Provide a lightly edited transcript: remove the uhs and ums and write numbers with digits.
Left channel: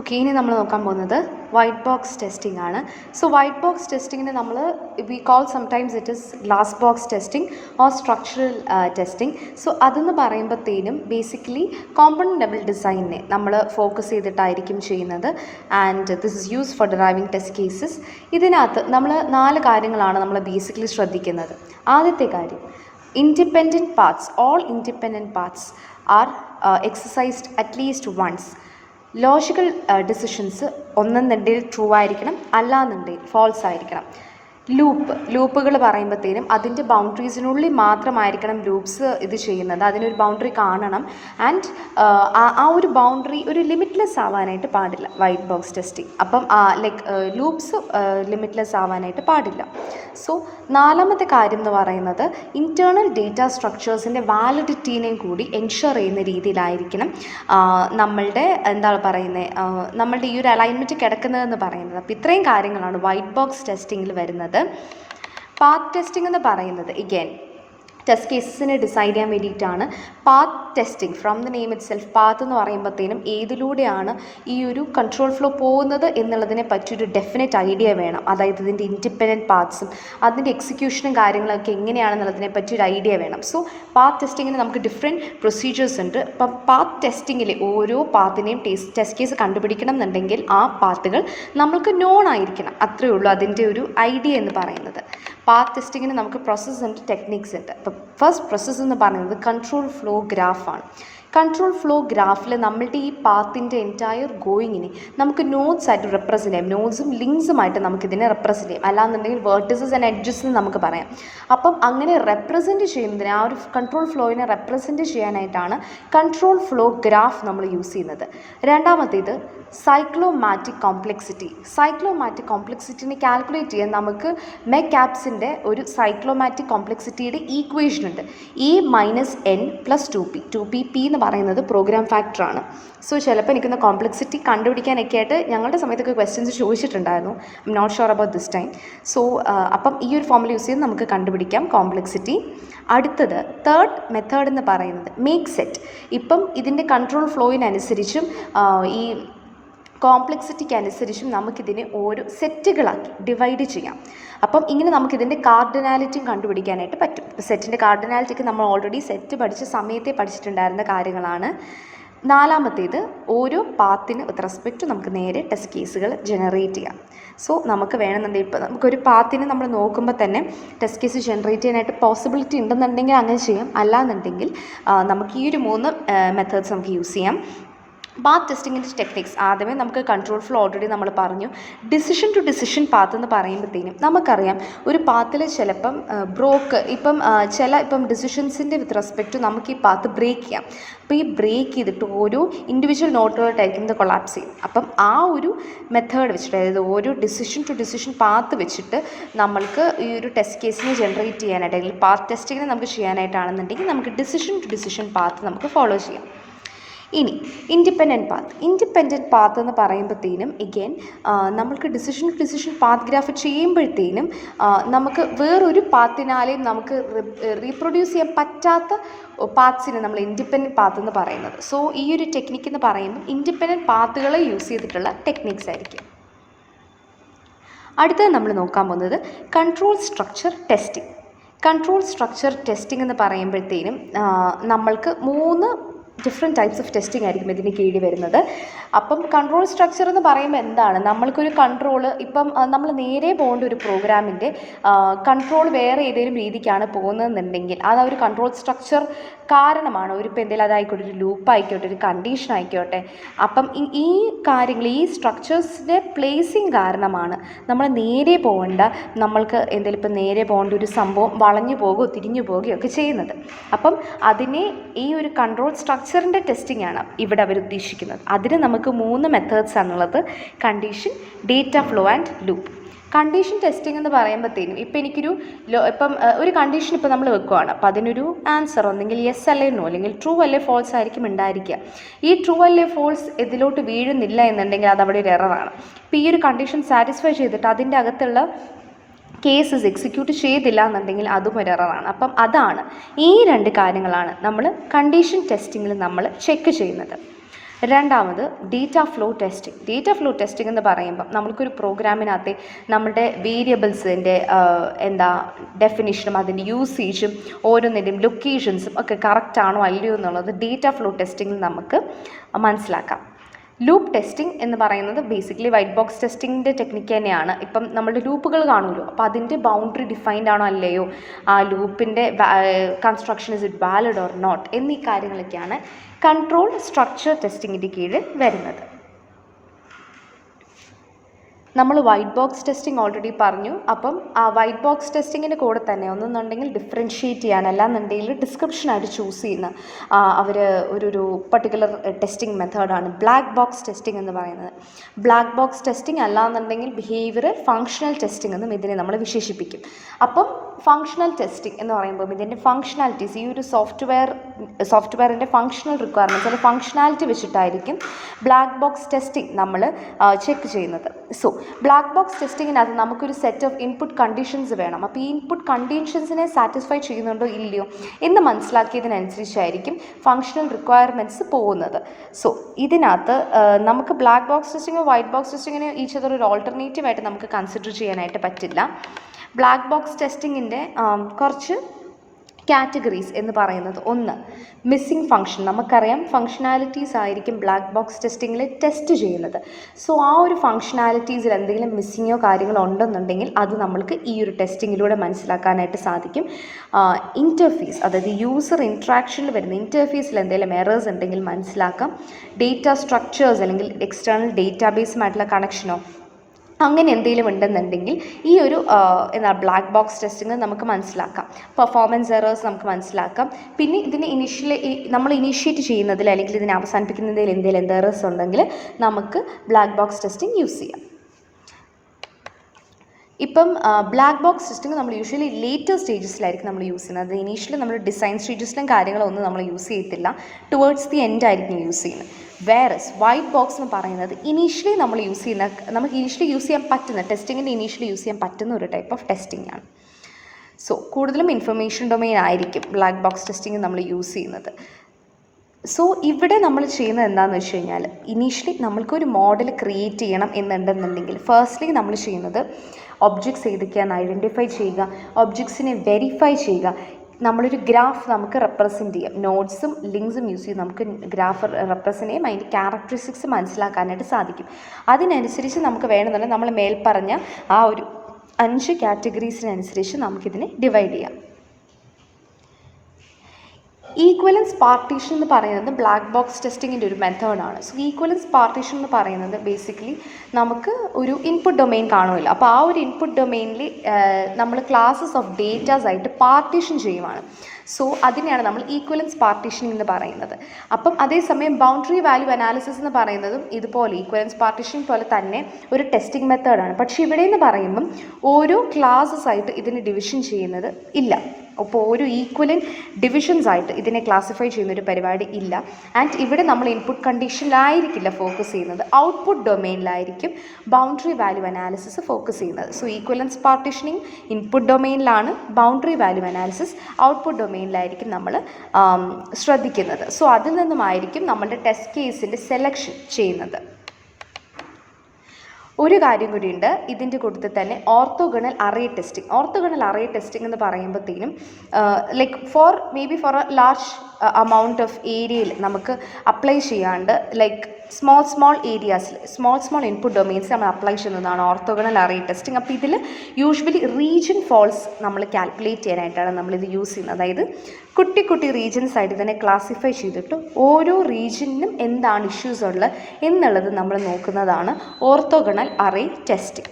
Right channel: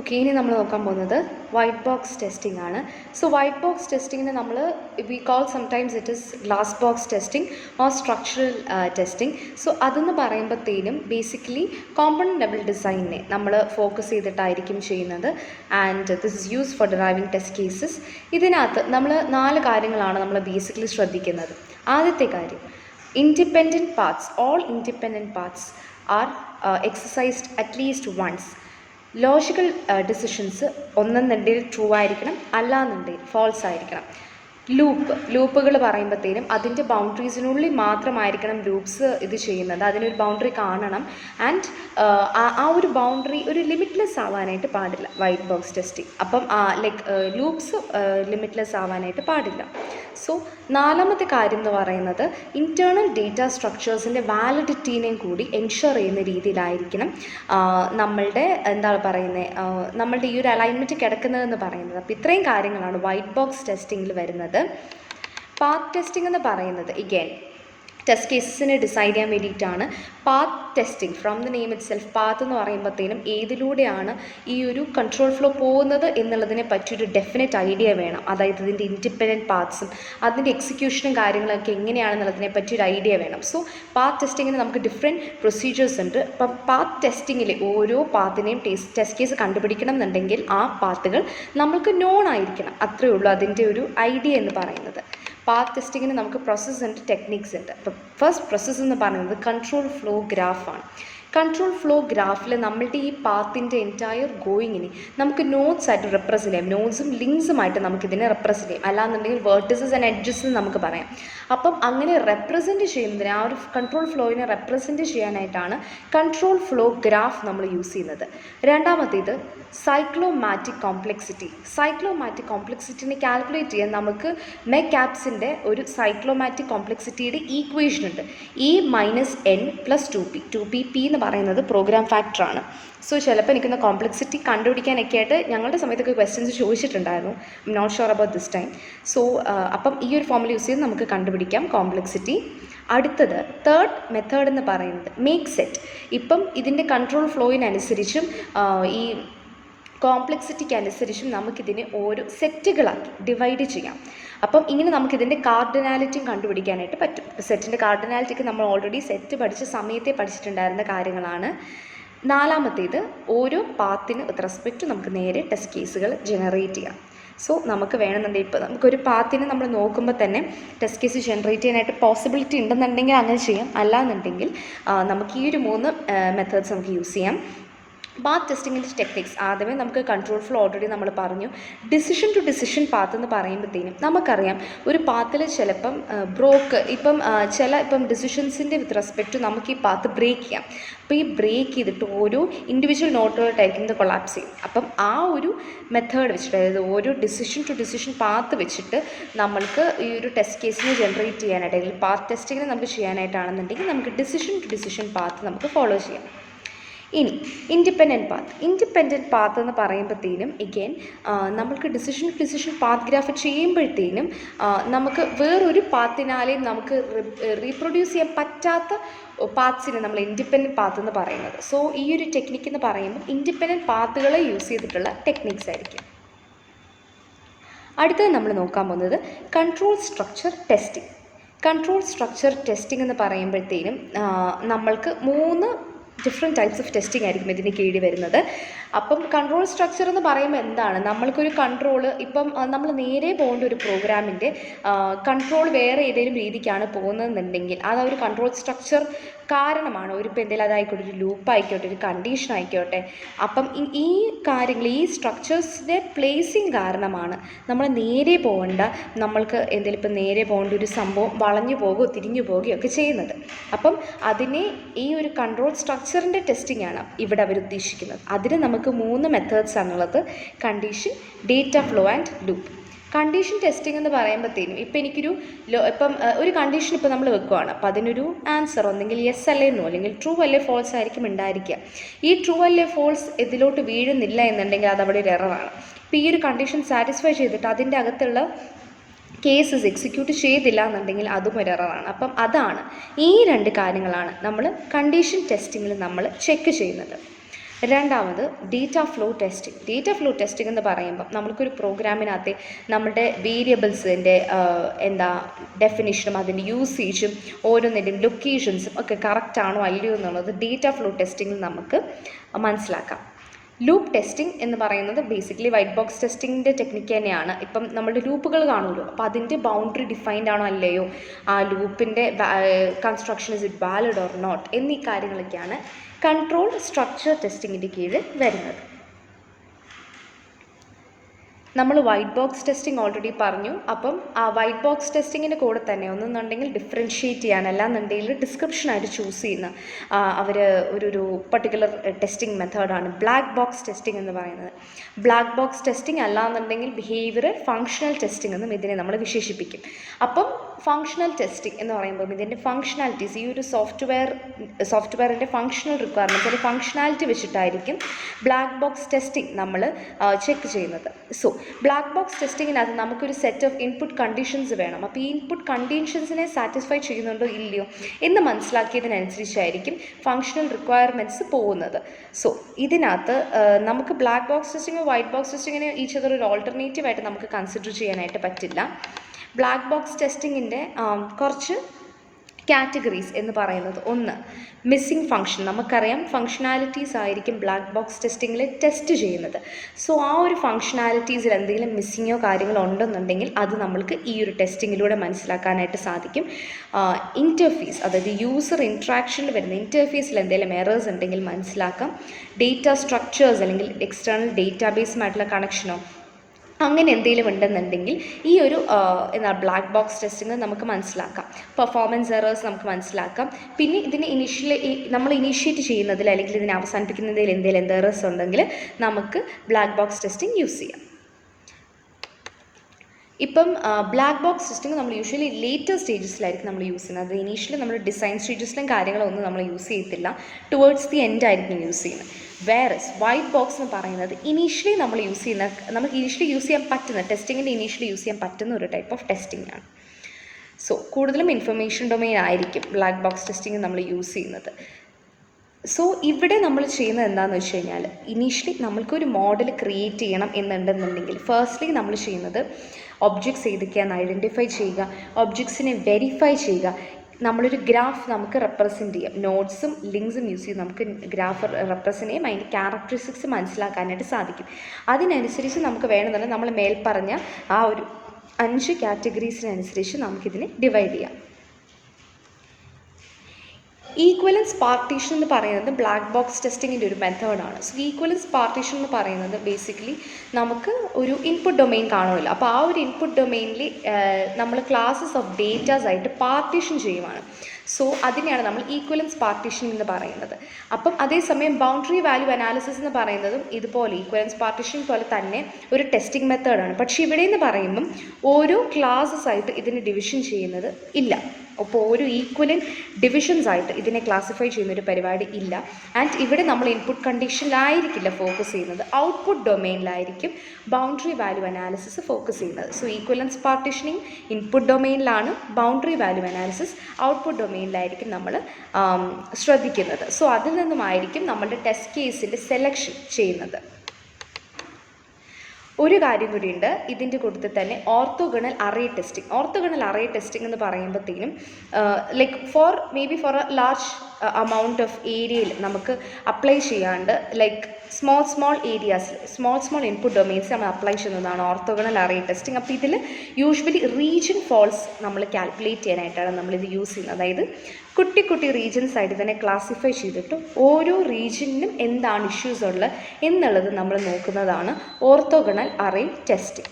Okay, ഇനി നമ്മൾ നോക്കാൻ പോകുന്നത് വൈറ്റ് ബോക്സ് ടെസ്റ്റിംഗ് ആണ്. സോ വൈറ്റ് ബോക്സ് ടെസ്റ്റിങ്ങിന് നമ്മൾ we call sometimes it is glass box testing or structural testing. So അതെന്ന് പറയുമ്പോഴത്തേനും ബേസിക്കലി കോമ്പണന്റ് ലെവൽ ഡിസൈനിനെ നമ്മൾ ഫോക്കസ് ചെയ്തിട്ടായിരിക്കും ചെയ്യുന്നത്. And this is use for deriving test cases. ഇതിനകത്ത് നമ്മൾ 4 കാര്യങ്ങളാണ് നമ്മൾ ബേസിക്കലി ശ്രദ്ധിക്കുന്നത്. ആദ്യത്തെ കാര്യം, independent parts, all independent parts are exercised at least once. Logical decisions ഒന്നെന്നുണ്ടെങ്കിൽ ട്രൂ ആയിരിക്കണം, അല്ലാന്നുണ്ടെങ്കിൽ ഫോൾസ് ആയിരിക്കണം. ലൂപ്പുകൾ പറയുമ്പോഴത്തേനും അതിൻ്റെ ബൗണ്ടറീസിനുള്ളിൽ മാത്രമായിരിക്കണം ലൂപ്സ് ഇത് ചെയ്യുന്നത്. അതിനൊരു ബൗണ്ടറി കാണണം. ആൻഡ് ആ ഒരു ബൗണ്ടറി ഒരു ലിമിറ്റ്ലെസ് ആവാനായിട്ട് പാടില്ല വൈറ്റ് ബോക്സ് ടെസ്റ്റിംഗ്. അപ്പം ലൂപ്സ് ലിമിറ്റ്ലെസ് ആവാനായിട്ട് പാടില്ല. സോ 4ാമത്തെ കാര്യം എന്ന് പറയുന്നത് ഇൻറ്റേർണൽ ഡേറ്റ സ്ട്രക്ചേഴ്സിൻ്റെ വാലിഡിറ്റീനെയും കൂടി എൻഷുർ ചെയ്യുന്ന രീതിയിലായിരിക്കണം നമ്മളുടെ നമ്മളുടെ ഈ ഒരു അലൈൻമെൻറ്റ് കിടക്കുന്നതെന്ന് പറയുന്നത്. അപ്പോൾ ഇത്രയും കാര്യങ്ങളാണ് വൈറ്റ് ബോക്സ് ടെസ്റ്റിങ്ങിൽ വരുന്നത്. പാത്ത് ടെസ്റ്റിംഗ് എന്ന് പറയുന്നത് ഇഗൈൻ ടെസ്റ്റ് കേസസിനെ ഡിസൈഡ് ചെയ്യാൻ വേണ്ടിയിട്ടാണ്. Path testing from the name it self, path എന്ന് പറയുമ്പോഴത്തേനും ഏതിലൂടെയാണ് ഈ ഒരു കൺട്രോൾ ഫ്ലോ പോകുന്നത് എന്നുള്ളതിനെ പറ്റിയൊരു ഡെഫിനറ്റ് ഐഡിയ വേണം. അതായത് ഇതിൻ്റെ ഇൻഡിപെൻഡൻറ്റ് പാത്സും അതിൻ്റെ എക്സിക്യൂഷനും കാര്യങ്ങളൊക്കെ എങ്ങനെയാണെന്നുള്ളതിനെ പറ്റിയൊരു ഐഡിയ വേണം. സോ പാത്ത് ടെസ്റ്റിങ്ങിന് നമുക്ക് ഡിഫറെൻറ്റ് പ്രൊസീജിയേഴ്സ് ഉണ്ട്. അപ്പം പാത്ത് ടെസ്റ്റിങ്ങിൽ ഓരോ പാത്തിനെയും ടെസ്റ്റ് കേസ് കണ്ടുപിടിക്കണം എന്നുണ്ടെങ്കിൽ ആ പാത്തുകൾ നമ്മൾക്ക് നോൺ ആയിരിക്കണം. അത്രയേ ഉള്ളൂ അതിൻ്റെ ഒരു ഐഡിയ എന്ന് പറയുന്നത്. പാത്ത് ടെസ്റ്റിങ്ങിന് നമുക്ക് പ്രോസസ്സ് ഉണ്ട്, ടെക്നിക്സ് ഉണ്ട്. അപ്പോൾ ഫസ്റ്റ് പ്രോസസ്സ് എന്ന് പറയുന്നത് കൺട്രോൾ ഫ്ലോ ഗ്രാഫാണ്. കൺട്രോൾ ഫ്ലോ ഗ്രാഫിൽ നമ്മളുടെ ഈ പാത്തിൻ്റെ എൻറ്റയർ ഗോയിങ്ങിനെ നമുക്ക് നോട്ട്സ് ആയിട്ട് റെപ്രസെൻ്റ് ചെയ്യാം. നോട്ട്സും ലിങ്ക്സുമായിട്ട് നമുക്കിതിനെ റെപ്രസെൻ്റ് ചെയ്യാം. അല്ലാന്നുണ്ടെങ്കിൽ വേർട്ടിസസ് ആൻഡ് എഡ്ജസ് എന്ന് നമുക്ക് പറയാം. അപ്പം അങ്ങനെ റെപ്രസെൻ്റ് ചെയ്യുന്നതിന് ആ ഒരു കൺട്രോൾ ഫ്ലോയിനെ റെപ്രസെൻ്റ് ചെയ്യാനായിട്ടാണ് കൺട്രോൾ ഫ്ലോ ഗ്രാഫ് നമ്മൾ യൂസ് ചെയ്യുന്നത്. രണ്ടാമത്തേത് സൈക്ലോമാറ്റിക് കോംപ്ലക്സിറ്റി. സൈക്ലോമാറ്റിക് കോംപ്ലക്സിറ്റിനെ കാൽക്കുലേറ്റ് ചെയ്യാൻ നമുക്ക് മെക്കാപ്സിൻ്റെ ഒരു സൈക്ലോമാറ്റിക് കോംപ്ലക്സിറ്റിയുടെ ഈക്വേഷൻ ഉണ്ട്. E-n+2p. 2p എന്ന് പറയുന്നത് പ്രോഗ്രാം ഫാക്ടറാണ്. സോ ചിലപ്പോൾ എനിക്കൊന്ന് കോംപ്ലക്സിറ്റി കണ്ടുപിടിക്കാനൊക്കെ ആയിട്ട് ഞങ്ങളുടെ സമയത്തൊക്കെ ക്വസ്റ്റ്യൻസ് ചോദിച്ചിട്ടുണ്ടായിരുന്നു. I am not sure about this time. So അപ്പം ഈ ഒരു ഫോർമുല യൂസ് ചെയ്ത് നമുക്ക് കണ്ടുപിടിക്കാം കോംപ്ലക്സിറ്റി. അടുത്തത് തേർഡ് മെത്തേഡ് എന്ന് പറയുന്നത് മേക്ക് സെറ്റ്. ഇപ്പം ഇതിൻ്റെ കൺട്രോൾ ഫ്ലോയിനനുസരിച്ചും ഈ കോംപ്ലക്സിറ്റിക്ക് അനുസരിച്ചും നമുക്കിതിനെ ഓരോ സെറ്റുകളാക്കി ഡിവൈഡ് ചെയ്യാം. അപ്പം ഇങ്ങനെ നമുക്കിതിൻ്റെ കാർഡിനാലിറ്റിയും കണ്ടുപിടിക്കാനായിട്ട് പറ്റും. ഇപ്പോൾ സെറ്റിൻ്റെ കാർഡിനാലിറ്റിക്ക് നമ്മൾ ഓൾറെഡി സെറ്റ് പഠിച്ച സമയത്തെ പഠിച്ചിട്ടുണ്ടായിരുന്ന കാര്യങ്ങളാണ്. 4ാമത്തേത് ഓരോ പാത്തിന് വിത്ത് റെസ്പെക്റ്റ് നമുക്ക് നേരെ ടെസ്റ്റ് കേസുകൾ ജനറേറ്റ് ചെയ്യാം. സോ നമുക്ക് വേണമെന്നുണ്ടെങ്കിൽ ഇപ്പോൾ നമുക്കൊരു പാത്തിന് നമ്മൾ നോക്കുമ്പോൾ തന്നെ ടെസ്റ്റ് കേസ് ജനറേറ്റ് ചെയ്യാനായിട്ട് പോസിബിലിറ്റി ഉണ്ടെന്നുണ്ടെങ്കിൽ അങ്ങനെ ചെയ്യാം. അല്ലാന്നുണ്ടെങ്കിൽ നമുക്ക് ഈ ഒരു 3 മെത്തേഡ്സ് നമുക്ക് യൂസ് ചെയ്യാം. പാത്ത് ടെസ്റ്റിങ്ങിൻ്റെ ടെക്നിക്സ് ആദ്യമേ നമുക്ക് കൺട്രോൾ ഫ്ലോ ഓൾറെഡി നമ്മൾ പറഞ്ഞു. ഡിസിഷൻ ടു ഡിസിഷൻ പാത്ത് എന്ന് പറയുമ്പോഴത്തേനും നമുക്കറിയാം ഒരു പാത്തിൽ ചിലപ്പം ഇപ്പം ഡിസിഷൻസിൻ്റെ വിത്ത് റെസ്പെക്റ്റ് നമുക്ക് ഈ പാത്ത് ബ്രേക്ക് ചെയ്യാം. അപ്പോൾ ഈ ബ്രേക്ക് ചെയ്തിട്ട് ഓരോ ഇൻഡിവിജ്വൽ നോട്ടുകളായിട്ടായിരിക്കും ഇത് കൊളാപ്സ് ചെയ്യും. അപ്പം ആ ഒരു മെത്തേഡ് വെച്ചിട്ട്, അതായത് ഓരോ ഡിസിഷൻ ടു ഡിസിഷൻ പാത്ത് വെച്ചിട്ട് നമ്മൾക്ക് ഈ ഒരു ടെസ്റ്റ് കേസിനെ ജനറേറ്റ് ചെയ്യാനായിട്ട് അല്ലെങ്കിൽ പാത്ത് ടെസ്റ്റിങ്ങിനെ നമുക്ക് ചെയ്യാനായിട്ടാണെന്നുണ്ടെങ്കിൽ നമുക്ക് ഡിസിഷൻ ടു ഡിസിഷൻ പാത്ത് നമുക്ക് ഫോളോ ചെയ്യാം. ഇനി ഇൻഡിപെൻഡൻറ്റ് പാത്ത് എന്ന് പറയുമ്പോഴത്തേനും എഗെയിൻ നമുക്ക് decision to decision path graph ചെയ്യുമ്പോഴത്തേനും നമുക്ക് വേറൊരു പാത്തിനാലെയും നമുക്ക് റീപ്രൊഡ്യൂസ് ചെയ്യാൻ പറ്റാത്ത പാത്സിനെ നമ്മൾ ഇൻഡിപെൻഡൻറ്റ് പാത്ത് എന്ന് പറയുന്നത്. സോ ഈ ഒരു ടെക്നിക്ക് എന്ന് പറയുമ്പോൾ ഇൻഡിപെൻഡൻറ്റ് പാത്തുകളെ യൂസ് ചെയ്തിട്ടുള്ള ടെക്നിക്സ് ആയിരിക്കും. അടുത്തത് നമ്മൾ നോക്കാൻ പോകുന്നത് control structure testing. Control structure testing എന്ന് പറയുമ്പോഴത്തേനും നമ്മൾക്ക് 3 ഡിഫറെൻറ്റ് ടൈപ്സ് ഓഫ് ടെസ്റ്റിംഗ് ആയിരിക്കും ഇതിന് കീഴിൽ വരുന്നത്. അപ്പം കൺട്രോൾ സ്ട്രക്ചർ എന്ന് പറയുമ്പോൾ എന്താണ്, നമ്മൾക്കൊരു കൺട്രോള് ഇപ്പം നമ്മൾ നേരെ പോകേണ്ട ഒരു പ്രോഗ്രാമിൻ്റെ കൺട്രോൾ വേറെ ഏതെങ്കിലും രീതിക്കാണ് പോകുന്നതെന്നുണ്ടെങ്കിൽ അത് ഒരു കൺട്രോൾ സ്ട്രക്ചർ കാരണമാണ്. ഇപ്പോൾ എന്തെങ്കിലും അതായിക്കോട്ടെ, ഒരു ലൂപ്പ് ആയിക്കോട്ടെ, ഒരു കണ്ടീഷൻ ആയിക്കോട്ടെ. അപ്പം ഈ കാര്യങ്ങൾ, ഈ സ്ട്രക്ചേഴ്സിൻ്റെ പ്ലേസിങ് കാരണമാണ് നമ്മൾ നേരെ പോകേണ്ട, നമ്മൾക്ക് എന്തെങ്കിലും ഇപ്പം നേരെ പോകേണ്ട ഒരു സംഭവം വളഞ്ഞു പോകുകയോ തിരിഞ്ഞു പോവുകയോ ഒക്കെ ചെയ്യുന്നത്. അപ്പം അതിനെ ഈ ഒരു കൺട്രോൾ സ്ട്രക്ചറിൻ്റെ ടെസ്റ്റിംഗ് ആണ് ഇവിടെ അവർ ഉദ്ദേശിക്കുന്നത്. അതിന് നമുക്ക് 3 മെത്തേഡ്സ് ആണുള്ളത്: condition, data flow and loop. Condition testing എന്ന് പറയുമ്പോഴത്തേനും ഇപ്പം ഒരു കണ്ടീഷൻ ഇപ്പോൾ നമ്മൾ വെക്കുകയാണ്. അപ്പോൾ അതിനൊരു ആൻസർ ഒന്നെങ്കിൽ യെസ് അല്ലേ നോ, അല്ലെങ്കിൽ ട്രൂ അല്ലേ ഫോൾസ് ആയിരിക്കും ഉണ്ടായിരിക്കുക. ഈ ട്രൂ അല്ലേ ഫോൾസ് ഇതിലോട്ട് വീഴുന്നില്ല എന്നുണ്ടെങ്കിൽ അതവിടെ ഒരു എററാണ്. ഇപ്പോൾ ഈ ഒരു കണ്ടീഷൻ സാറ്റിസ്ഫൈ ചെയ്തിട്ട് അതിൻ്റെ അകത്തുള്ള കേസസ് എക്സിക്യൂട്ട് ചെയ്തില്ല എന്നുണ്ടെങ്കിൽ അതും ഒരു എററാണ്. അപ്പം അതാണ് ഈ 2 കാര്യങ്ങളാണ് നമ്മൾ കണ്ടീഷൻ ടെസ്റ്റിങ്ങിൽ നമ്മൾ ചെക്ക് ചെയ്യുന്നത്. രണ്ടാമത് data flow testing. Data flow testing എന്ന് പറയുമ്പോൾ നമുക്കൊരു പ്രോഗ്രാമിനകത്തെ നമ്മുടെ വേരിയബിൾസിൻ്റെ ഡെഫിനിഷനും അതിൻ്റെ യൂസേജും ഓരോന്നിൻ്റെയും ലൊക്കേഷൻസും ഒക്കെ കറക്റ്റ് ആണോ അല്ലയോ എന്നുള്ളത് ഡേറ്റ ഫ്ലോ ടെസ്റ്റിങ്ങിൽ നമുക്ക് മനസ്സിലാക്കാം. ലൂപ്പ് ടെസ്റ്റിംഗ് എന്ന് പറയുന്നത് ബേസിക്കലി വൈറ്റ് ബോക്സ് ടെസ്റ്റിങ്ങിൻ്റെ ടെക്നിക്ക് തന്നെയാണ്. ഇപ്പം നമ്മളുടെ ലൂപ്പുകൾ കാണുമല്ലോ, അപ്പോൾ അതിൻ്റെ ബൗണ്ടറി ഡിഫൈൻഡ് ആണോ അല്ലയോ, ആ ലൂപ്പിൻ്റെ construction is it valid or not എന്നീ കാര്യങ്ങളൊക്കെയാണ് കൺട്രോൾ സ്ട്രക്ചർ ടെസ്റ്റിങ്ങിൻ്റെ കീഴിൽ വരുന്നത്. നമ്മൾ വൈറ്റ് ബോക്സ് ടെസ്റ്റിംഗ് ഓൾറെഡി പറഞ്ഞു. അപ്പം ആ വൈറ്റ് ബോക്സ് ടെസ്റ്റിങ്ങിൻ്റെ കൂടെ തന്നെ ഒന്നെന്നുണ്ടെങ്കിൽ ഡിഫറൻഷ്യേറ്റ് ചെയ്യാൻ, അല്ലാന്നുണ്ടെങ്കിൽ ഡിസ്ക്രിപ്ഷനായിട്ട് ചൂസ് ചെയ്യുന്ന അവർ ഒരു പർട്ടിക്കുലർ ടെസ്റ്റിംഗ് മെത്തേഡാണ് ബ്ലാക്ക് ബോക്സ് ടെസ്റ്റിംഗ് എന്ന് പറയുന്നത്. ബ്ലാക്ക് ബോക്സ് ടെസ്റ്റിംഗ് അല്ലാന്നുണ്ടെങ്കിൽ ബിഹേവിയറൽ ഫങ്ഷണൽ ടെസ്റ്റിംഗ് എന്നും ഇതിനെ നമ്മൾ വിശേഷിപ്പിക്കും. അപ്പം ഫങ്ഷണൽ ടെസ്റ്റിംഗ് എന്ന് പറയുമ്പോൾ ഇതിൻ്റെ ഫങ്ഷണാലിറ്റീസ്, ഈ ഒരു സോഫ്റ്റ്വെയറിൻ്റെ ഫങ്ഷണൽ റിക്വയർമെൻറ്റ്സ് അല്ലെങ്കിൽ ഫങ്ഷണാലിറ്റി വെച്ചിട്ടായിരിക്കും ബ്ലാക്ക് ബോക്സ് ടെസ്റ്റിംഗ് നമ്മൾ ചെക്ക് ചെയ്യുന്നത്. സോ ബ്ലാക്ക് ബോക്സ് ടെസ്റ്റിങ്ങിനകത്ത് നമുക്കൊരു സെറ്റ് ഓഫ് ഇൻപുട്ട് കണ്ടീഷൻസ് വേണം. അപ്പോൾ ഈ ഇൻപുട്ട് കണ്ടീഷൻസിനെ സാറ്റിസ്ഫൈ ചെയ്യുന്നുണ്ടോ ഇല്ലയോ എന്ന് മനസ്സിലാക്കിയതിനനുസരിച്ചായിരിക്കും ഫങ്ഷണൽ റിക്വയർമെൻറ്റ്സ് പോകുന്നത്. സോ ഇതിനകത്ത് നമുക്ക് ബ്ലാക്ക് ബോക്സ് ടെസ്റ്റിങ്ങോ വൈറ്റ് ബോക്സ് ടെസ്റ്റിങ്ങിന് ഈച്ച് അതർ ഒരു ഓൾട്ടർനേറ്റീവായിട്ട് നമുക്ക് കൺസിഡർ ചെയ്യാനായിട്ട് പറ്റില്ല. ബ്ലാക്ക് ബോക്സ് ടെസ്റ്റിങ്ങിൻ്റെ കുറച്ച് കാറ്റഗറീസ് എന്ന് പറയുന്നത്, ഒന്ന് മിസ്സിംഗ് ഫങ്ഷൻ. നമുക്കറിയാം ഫങ്ഷനാലിറ്റീസ് ആയിരിക്കും ബ്ലാക്ക് ബോക്സ് ടെസ്റ്റിങ്ങിൽ ടെസ്റ്റ് ചെയ്യുന്നത്. സോ ആ ഒരു ഫങ്ഷനാലിറ്റീസിൽ എന്തെങ്കിലും മിസ്സിങ്ങോ കാര്യങ്ങളോ ഉണ്ടെന്നുണ്ടെങ്കിൽ അത് നമ്മൾക്ക് ഈ ഒരു ടെസ്റ്റിങ്ങിലൂടെ മനസ്സിലാക്കാനായിട്ട് സാധിക്കും. ഇൻ്റർഫേസ്, അതായത് യൂസർ ഇൻട്രാക്ഷനിൽ വരുന്ന ഇൻ്റർഫേസിൽ എന്തെങ്കിലും എറേഴ്സ് ഉണ്ടെങ്കിൽ മനസ്സിലാക്കാം. ഡേറ്റ സ്ട്രക്ചേഴ്സ് അല്ലെങ്കിൽ എക്സ്റ്റേണൽ ഡേറ്റാബേസുമായിട്ടുള്ള കണക്ഷനോ അങ്ങനെ എന്തെങ്കിലും ഉണ്ടെന്നുണ്ടെങ്കിൽ ഈ ഒരു ബ്ലാക്ക് ബോക്സ് ടെസ്റ്റിംഗ് നമുക്ക് മനസ്സിലാക്കാം. പെർഫോമൻസ് എറേഴ്സ് നമുക്ക് മനസ്സിലാക്കാം. പിന്നെ ഇതിനെ നമ്മൾ ഇനീഷ്യേറ്റ് ചെയ്യുന്നതിൽ അല്ലെങ്കിൽ ഇതിനെ അവസാനിപ്പിക്കുന്നതിൽ എന്തെങ്കിലും എറേഴ്സ് ഉണ്ടെങ്കിൽ നമുക്ക് ബ്ലാക്ക് ബോക്സ് ടെസ്റ്റിംഗ് യൂസ് ചെയ്യാം. ഇപ്പം ബ്ലാക്ക് ബോക്സ് ടെസ്റ്റിംഗ് നമ്മൾ യൂഷ്വലി ലേറ്റർ സ്റ്റേജസിലായിരിക്കും നമ്മൾ യൂസ് ചെയ്യുന്നത്. അത് ഇനീഷ്യലി നമ്മൾ ഡിസൈൻ സ്റ്റേജസിലും കാര്യങ്ങളൊന്നും നമ്മൾ യൂസ് ചെയ്യത്തില്ല, ടുവേർഡ്സ് ദി എൻഡ് ആയിരിക്കും യൂസ് ചെയ്യുന്നത്. വേറസ് വൈറ്റ് ബോക്സ് എന്ന് പറയുന്നത് ഇനീഷ്യലി നമ്മൾ യൂസ് ചെയ്യുന്ന, നമുക്ക് ഇനീഷ്യലി യൂസ് ചെയ്യാൻ പറ്റുന്ന, ടെസ്റ്റിങ്ങിൻ്റെ ഇനീഷ്യലി യൂസ് ചെയ്യാൻ പറ്റുന്ന ഒരു ടൈപ്പ് ഓഫ് ടെസ്റ്റിംഗ് ആണ്. സോ കൂടുതലും ഇൻഫർമേഷൻ ഡൊമെയിൻ ആയിരിക്കും ബ്ലാക്ക് ബോക്സ് ടെസ്റ്റിംഗ് നമ്മൾ യൂസ് ചെയ്യുന്നത്. സോ ഇവിടെ നമ്മൾ ചെയ്യുന്നത് എന്താണെന്ന് വെച്ച് കഴിഞ്ഞാൽ, ഇനീഷ്യലി നമ്മൾക്കൊരു മോഡൽ ക്രിയേറ്റ് ചെയ്യണം എന്നുണ്ടെന്നുണ്ടെങ്കിൽ ഫസ്റ്റ്ലി നമ്മൾ ചെയ്യുന്നത് ഒബ്ജക്ട്സ് ഏതൊക്കെയാണെന്ന് ഐഡൻറ്റിഫൈ ചെയ്യുക, ഒബ്ജക്ട്സിനെ വെരിഫൈ ചെയ്യുക. നമ്മളൊരു ഗ്രാഫ് നമുക്ക് റെപ്രസെൻറ്റ് ചെയ്യാം, നോട്ട്സും ലിങ്ക്സും യൂസ് ചെയ്ത് നമുക്ക് ഗ്രാഫ് റെപ്രസെൻറ്റ് ചെയ്യാം, അതിൻ്റെ ക്യാരക്ടറിസ്റ്റിക്സ് മനസ്സിലാക്കാനായിട്ട് സാധിക്കും. അതിനനുസരിച്ച് നമുക്ക് വേണമെന്നുണ്ടെങ്കിൽ നമ്മൾ മേൽപ്പറഞ്ഞ ആ ഒരു 5 കാറ്റഗറീസിനനുസരിച്ച് നമുക്കിതിനെ ഡിവൈഡ് ചെയ്യാം. ഈക്വലൻസ് പാർട്ടീഷൻ എന്ന് പറയുന്നത് ബ്ലാക്ക് ബോക്സ് ടെസ്റ്റിങ്ങിൻ്റെ ഒരു മെത്തേഡാണ്. സോ ഈക്വലൻസ് പാർട്ടീഷൻ എന്ന് പറയുന്നത് ബേസിക്കലി നമുക്ക് ഒരു ഇൻപുട്ട് ഡൊമെയിൻ കാണുമല്ലോ, അപ്പോൾ ആ ഒരു ഇൻപുട്ട് ഡൊമെയിനിൽ നമ്മൾ ക്ലാസ്സസ് ഓഫ് ഡേറ്റാസ് ആയിട്ട് പാർട്ടീഷൻ ചെയ്യുവാണ്. സോ അതിനെയാണ് നമ്മൾ ഈക്വലൻസ് പാർട്ടീഷൻ എന്ന് പറയുന്നത്. അപ്പം അതേസമയം ബൗണ്ടറി വാല്യൂ അനാലിസിസ് എന്ന് പറയുന്നതും ഇതുപോലെ ഈക്വലൻസ് പാർട്ടീഷൻ പോലെ തന്നെ ഒരു ടെസ്റ്റിംഗ് മെത്തേഡാണ്. പക്ഷേ ഇവിടെ എന്ന് പറയുമ്പം ഓരോ ക്ലാസ്സസ് ആയിട്ട് ഇതിന് ഡിവിഷൻ ചെയ്യുന്നത് ഇല്ല. അപ്പോൾ ഒരു ഈക്വലൻ ഡിവിഷൻസ് ആയിട്ട് ഇതിനെ ക്ലാസിഫൈ ചെയ്യുന്നൊരു പരിപാടി ഇല്ല. ആൻഡ് ഇവിടെ നമ്മൾ ഇൻപുട്ട് കണ്ടീഷനിലായിരിക്കില്ല ഫോക്കസ് ചെയ്യുന്നത്, ഔട്ട്പുട്ട് ഡൊമെയിനിലായിരിക്കും ബൗണ്ടറി വാല്യൂ അനാലിസിസ് ഫോക്കസ് ചെയ്യുന്നത്. സോ ഈക്വലൻസ് പാർട്ടീഷനിങ് ഇൻപുട്ട് ഡൊമെയിനിലാണ്, ബൗണ്ടറി വാല്യൂ അനാലിസിസ് ഔട്ട്പുട്ട് ഡൊമെയിനിലായിരിക്കും നമ്മൾ ശ്രദ്ധിക്കുന്നത്. സോ അതിൽ നിന്നുമായിരിക്കും നമ്മളുടെ ടെസ്റ്റ് കേസിൻ്റെ സെലക്ഷൻ ചെയ്യുന്നത്. ഒരു കാര്യം കൂടിയുണ്ട് ഇതിൻ്റെ കൂട്ടത്തിൽ തന്നെ, orthogonal array testing. Orthogonal array testing എന്ന് പറയുമ്പോഴത്തേനും like for a large amount of ഏരിയയിൽ നമുക്ക് അപ്ലൈ ചെയ്യാണ്ട് ലൈക്ക് സ്മോൾ ഏരിയാസിൽ സ്മോൾ ഇൻപുട്ട് ഡൊമെയിൻസ് നമ്മൾ അപ്ലൈ ചെയ്യുന്നതാണ് ഓർത്തോഗണൽ അറേ ടെസ്റ്റിംഗ്. അപ്പോൾ ഇതിൽ യൂഷ്വലി റീജിയൻ ഫോൾസ് നമ്മൾ കാൽക്കുലേറ്റ് ചെയ്യാനായിട്ടാണ് നമ്മളിത് യൂസ് ചെയ്യുന്നത്. അതായത് കുട്ടി റീജിയൻസ് ആയിട്ട് ഇതിനെ ക്ലാസിഫൈ ചെയ്തിട്ട് ഓരോ റീജിയനിലും എന്താണ് ഇഷ്യൂസ് ഉള്ളത് എന്നുള്ളത് നമ്മൾ നോക്കുന്നതാണ് ഓർത്തോഗണൽ അറേ ടെസ്റ്റിംഗ്.